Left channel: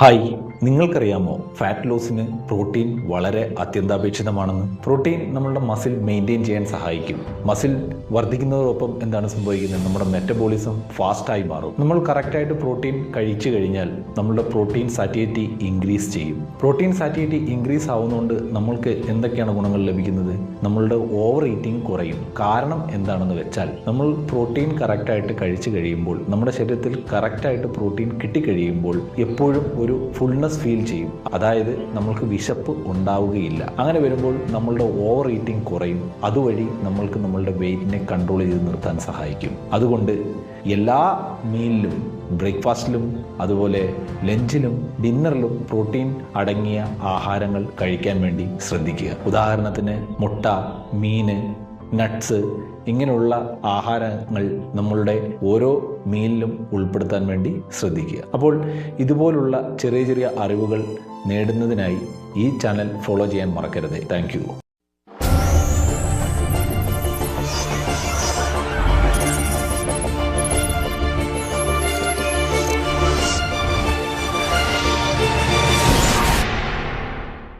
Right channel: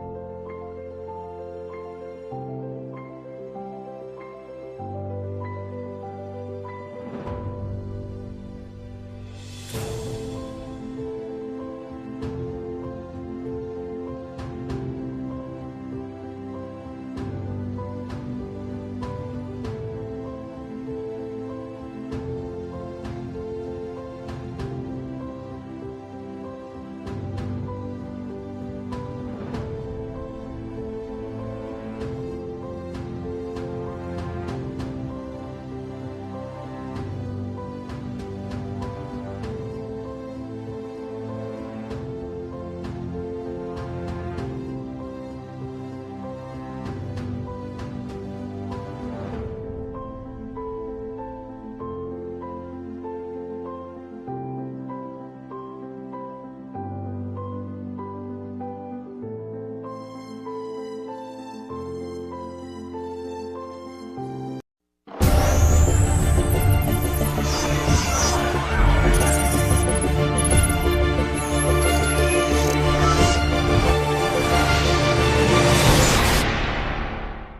Hi, നിങ്ങൾക്കറിയാമോ fat ലോസിന് protein വളരെ അത്യന്താപേക്ഷിതമാണെന്ന്? Protein നമ്മളുടെ മസിൽ മെയിൻറ്റെയിൻ ചെയ്യാൻ സഹായിക്കും. മസിൽ വർദ്ധിക്കുന്നതോടൊപ്പം എന്താണ് സംഭവിക്കുന്നത്? നമ്മുടെ മെറ്റബോളിസം ഫാസ്റ്റായി മാറും. നമ്മൾ കറക്റ്റായിട്ട് പ്രോട്ടീൻ കഴിച്ചു കഴിഞ്ഞാൽ നമ്മളുടെ പ്രോട്ടീൻ സാറ്റിറ്റി ഇൻക്രീസ് ചെയ്യും. പ്രോട്ടീൻ സാറ്റിറ്റി ഇൻക്രീസ് ആവുന്നതുകൊണ്ട് നമ്മൾക്ക് എന്തൊക്കെയാണ് ഗുണങ്ങൾ ലഭിക്കുന്നത്? നമ്മളുടെ ഓവർ ഈറ്റിംഗ് കുറയും. കാരണം എന്താണെന്ന് വെച്ചാൽ നമ്മൾ പ്രോട്ടീൻ കറക്റ്റായിട്ട് കഴിച്ചു കഴിയുമ്പോൾ, നമ്മുടെ ശരീരത്തിൽ കറക്റ്റായിട്ട് പ്രോട്ടീൻ കിട്ടിക്കഴിയുമ്പോൾ എപ്പോഴും ഒരു ഫുൾനെസ് ഫീൽ ചെയ്യും. അതായത് നമ്മൾക്ക് വിശപ്പ് ഉണ്ടാവുകയില്ല. അങ്ങനെ വരുമ്പോൾ നമ്മളുടെ ഓവർ ഈറ്റിംഗ് കുറയും. അതുവഴി നമ്മൾക്ക് നമ്മളുടെ വെയിറ്റിനെ കൺട്രോൾ ചെയ്ത് നിർത്താൻ സഹായിക്കും. അതുകൊണ്ട് എല്ലാ മീലിലും, ബ്രേക്ക്ഫാസ്റ്റിലും അതുപോലെ ലഞ്ചിലും ഡിന്നറിലും പ്രോട്ടീൻ അടങ്ങിയ ആഹാരങ്ങൾ കഴിക്കാൻ വേണ്ടി ശ്രദ്ധിക്കുക. ഉദാഹരണത്തിന് മുട്ട, മീന്, നട്ട്സ് ഇങ്ങനെയുള്ള ആഹാരങ്ങൾ നമ്മളുടെ ഓരോ മീലിലും ഉൾപ്പെടുത്താൻ വേണ്ടി ശ്രദ്ധിക്കുക. അപ്പോൾ ഇതുപോലുള്ള ചെറിയ ചെറിയ അറിവുകൾ നേടുന്നതിനായി ഈ ചാനൽ ഫോളോ ചെയ്യാൻ മറക്കരുത്. താങ്ക്